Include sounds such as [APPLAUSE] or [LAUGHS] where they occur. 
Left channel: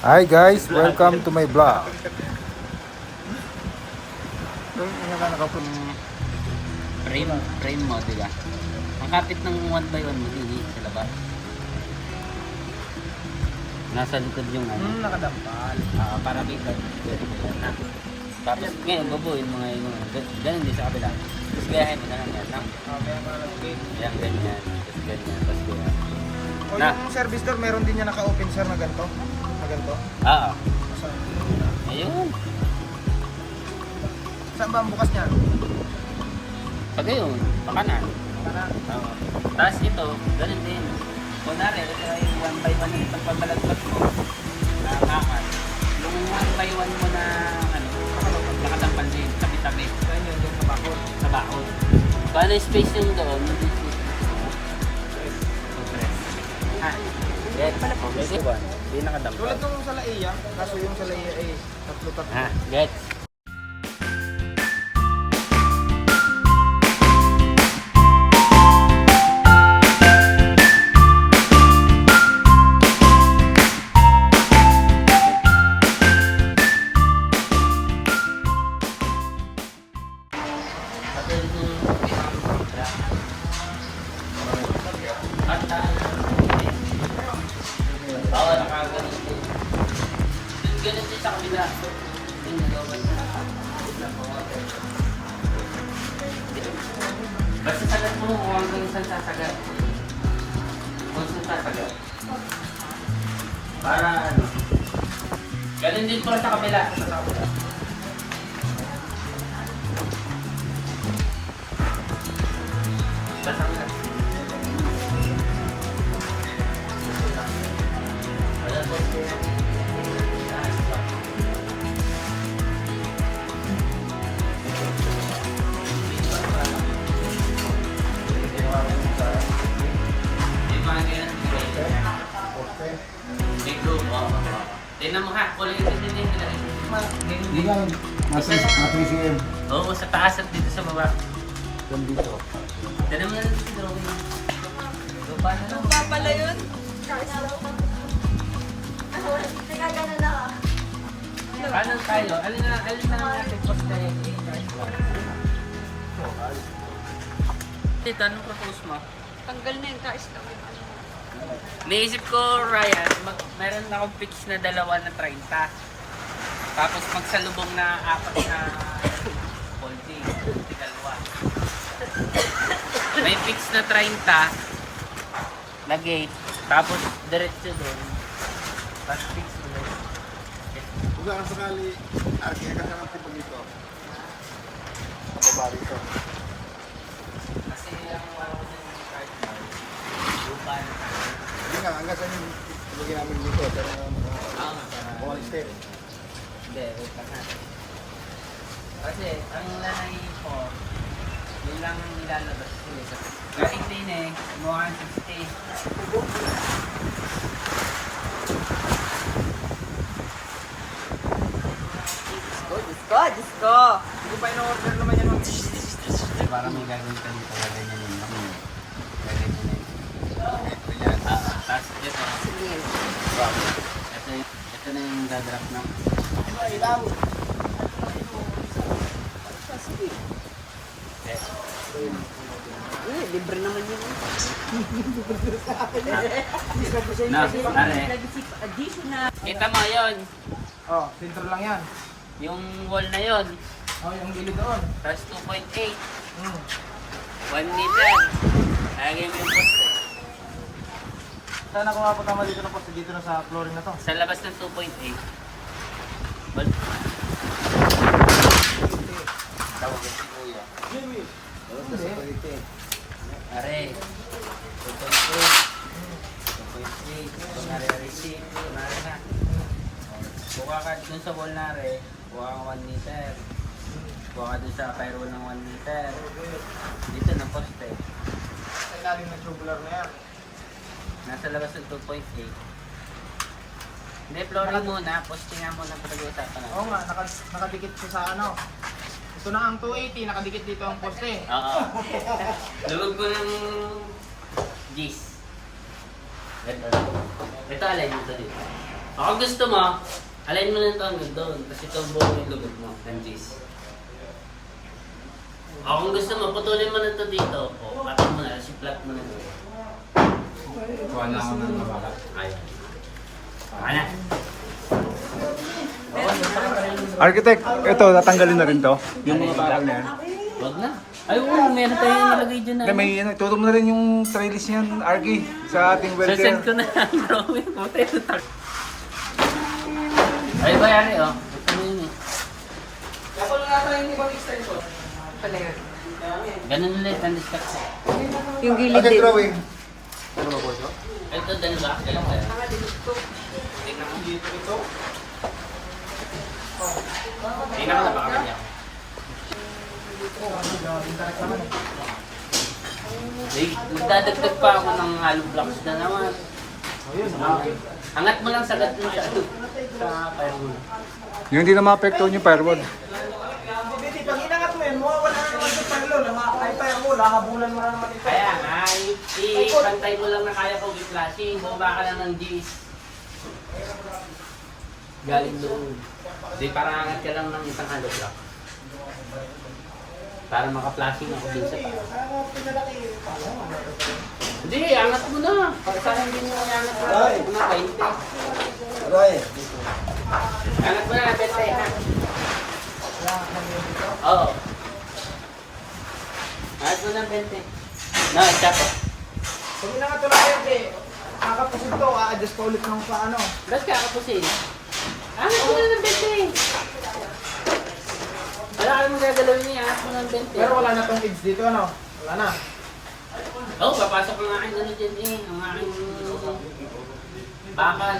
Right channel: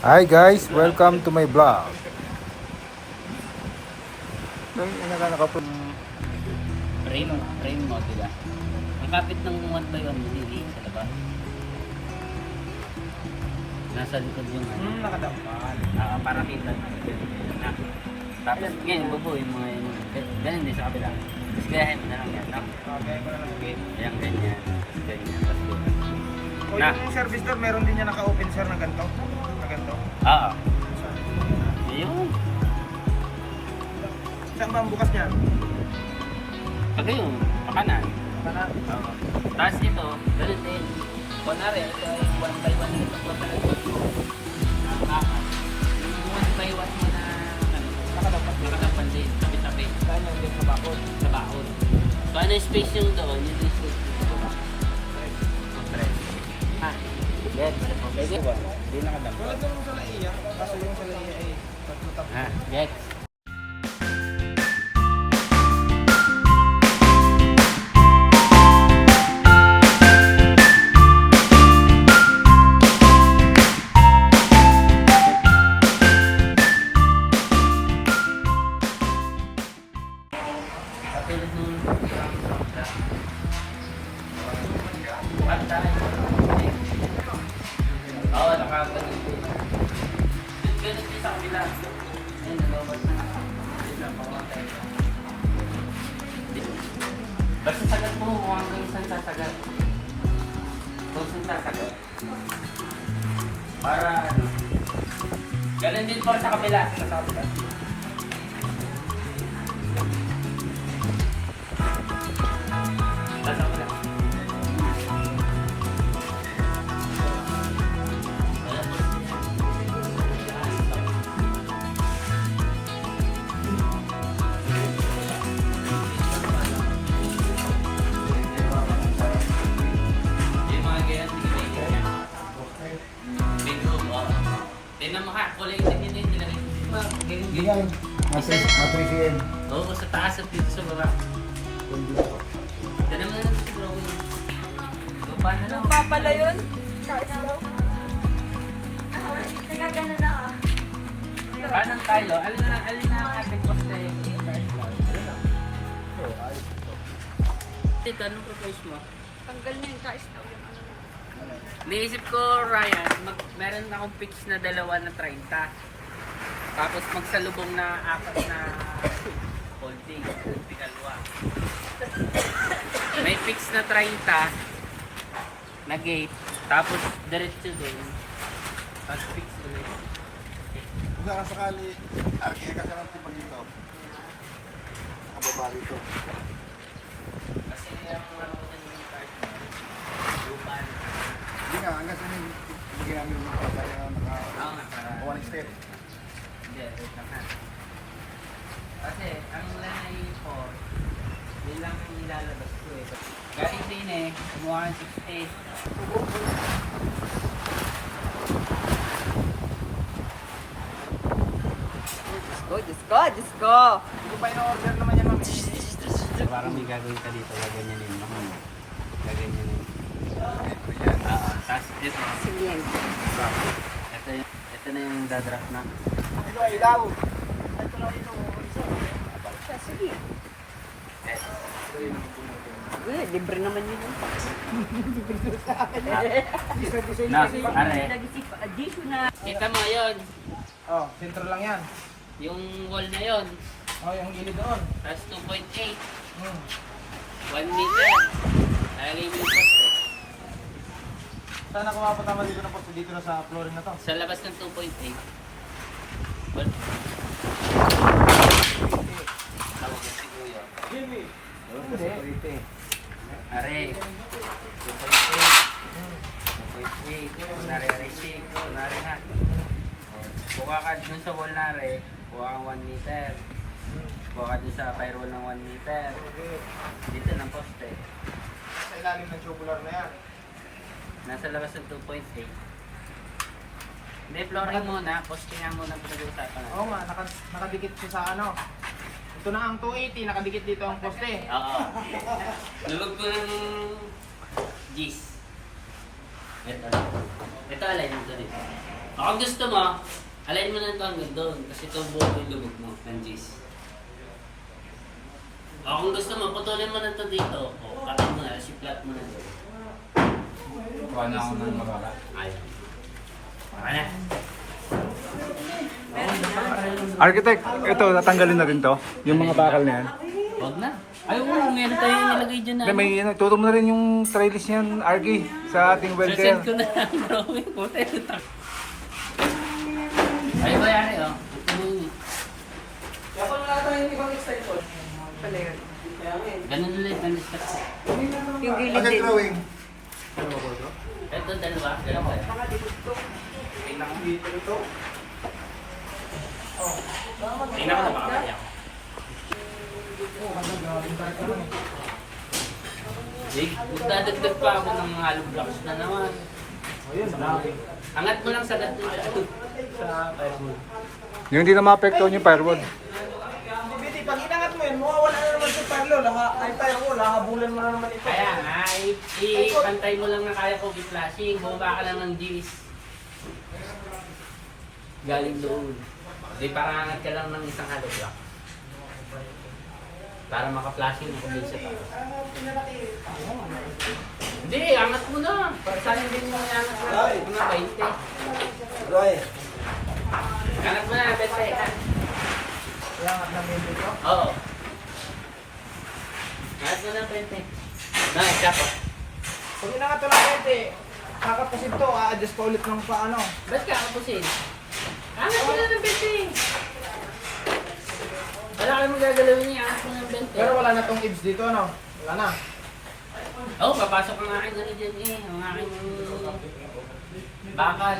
Hi guys, welcome to my vlog. Frame, frame mo, diga. Ang kapit ng 1 by 1 mo, hindi sa labas. Nasa likod yung ano. Hmm, nakadampal. Ah, para kita. Na. Tapos ngayon, bubuin mo ngayon. Ganun din sa kabila. Tapos gayahin mo na lang yan. Na. Kaya ko na lang gate. Ayan, ganyan. Tapos ganyan. Tapos ganyan. O Na. yung service door, meron din niya naka-open sir na ganito. Ganito. Oo. Saan? Ayun. Saan ba ang bukas niya? Pag yun, pakanan. Kanan. Oo. Tapos ito, ganun din. Kunwari, ito yung 1 by 1 nito pagbalagpag mo. Nakakan. Yung 1 by 1 mo na ano, nakalampal, nakalampal din, tabi-tabi. Saan yun? Yung kabakod. Sa baon. Kung ano yung space yung doon, yun yung Get one. Hindi nakadampal. Tulad nung sa Laia, kaso yung sa Laia ay tatlo-tatlo. Ha, get. Sa kabila. Ayun, dalawa. Basta sagat mo kung hanggang saan sasagat. Kung saan sasagat. Para ano. Ganun din po sa kabila. Sa kabila. Tingnan mo ha, kulay din din din. Hindi yan, nasa cm. Oo, sa taas at dito sa baba. Dito. Tingnan mo na lang dito drawing. So, paano lang? Lupa pala yun. Taas daw. Na. Paano tayo? Ano na, ano na ang ating poste? Dito, anong propose mo? Tanggal na yung taas daw yun. Naisip ko, Ryan, mag, meron akong pitch na dalawa na 30. Tapos magsalubong na apat na folding, tigalwa. May pitch na 30 na gate. Tapos diretso doon. Tapos fix ulit. Kung saan sakali, agay ka ng tipag dito. Kababa rito. Saan yung dito. Para. Ah, para- One step. Hindi. Kasi ang lanay ko, yun lang ang nilalabas ko eh. Galing din eh, kumuha ng 60. Diyos ko, Diyos ko, Diyos ko. Hindi ko pa in-order naman yung Parang may gagawin ka dito, gaganyanin mo. Gaganyanin. Oo, tapos dito, Sige. box. Ito, yung, ito na yung dadrap na. Ilaw. Sige. Yes. Eh, libre naman yun. Na, are. Additional. Kita mo yun, Oh, filter lang yan. yung wall na yun, Oh, yung gilid doon. tapos 2.8, Hmm. 1 meter. Lagay mo yung Saan ako mapatama dito na poste? Dito na sa flooring na to. Sa labas ng 2.8. Well, tawag yan si Kuya. Jimmy. Hindi. Are, 2.8. 2.8. Kunwari, receipt. Kunwari. O, Buka ka dun sa wall na re, buka kang 1 meter. Buka ka dun sa firewall ng 1 meter. Dito ng poste. Sa ilalim ng tubular na yan. Nasa labas ng 2.8. Hindi, flooring muna. Postingan muna pinag-uusapan natin. Oo nga, naka, nakadikit siya sa ano. Ito na ang 280, nakadikit dito ang poste. Oo. [LAUGHS] Lubog ko ng G's. Ito. Ito alay dito dito. Baka gusto mo, alayin mo na ito hanggang doon. Kasi ito buong yung lubog mo ng G's. O kung gusto mo, putulin mo na ito dito. O, katin mo na, si-flat mo na doon. Kuha na ako ng mababa. Na. Architect, ito, natanggalin na rin to. Yung mga bakal na yan. Huwag na. Ay, oo, meron tayong nilagay dyan na. Hindi, may ano, tutong mo na rin yung trellis niyan, Argy, sa ating welder. Sasend ko na ang drawing. Tak. Ay, bayari oh. Ito na yun eh. Ganun ulit ang discuss. Yung gilid Agad din. drawing. Ito, dalawa. Dalawa ba yan? Tingnan ko na baka mali ako. Eh, Nagdadagdag pa ako ng hollow blocks na naman. Ayun, Angat mo lang sagad mo sa ano. Sa fire mo. Yung hindi na maapektuhan yung firewall. Biti, pag inangat mo yan, na sa parlo. Laha, ay pa ako, lahabulan mo na naman ito. Kaya nga, i-pantay mo lang na kaya ko flashing. Bumaba ka lang ng G's. Galing doon. Di parang angat ka lang ng isang hollow block. Para maka-flashing ako dun sa taas. Hindi, angat mo na. Pag saan hindi mo angat mo na, huwag na 20. Aray. Angat mo na, 20. ha? Lahat na may dito. Oo. Angat mo na, 20. No, isa pa. Pag inangat mo na pwede, kakapusin to, a-adjust pa ulit ng paano. Ba't ka kapusin? Angat mo na ng 20. Wala ka mong gagalawin niya, mo ng 20. Pero wala na tong edge dito, ano? Wala na. Oo, oh, papasok ang aking ano dyan eh. Ang aking bakal.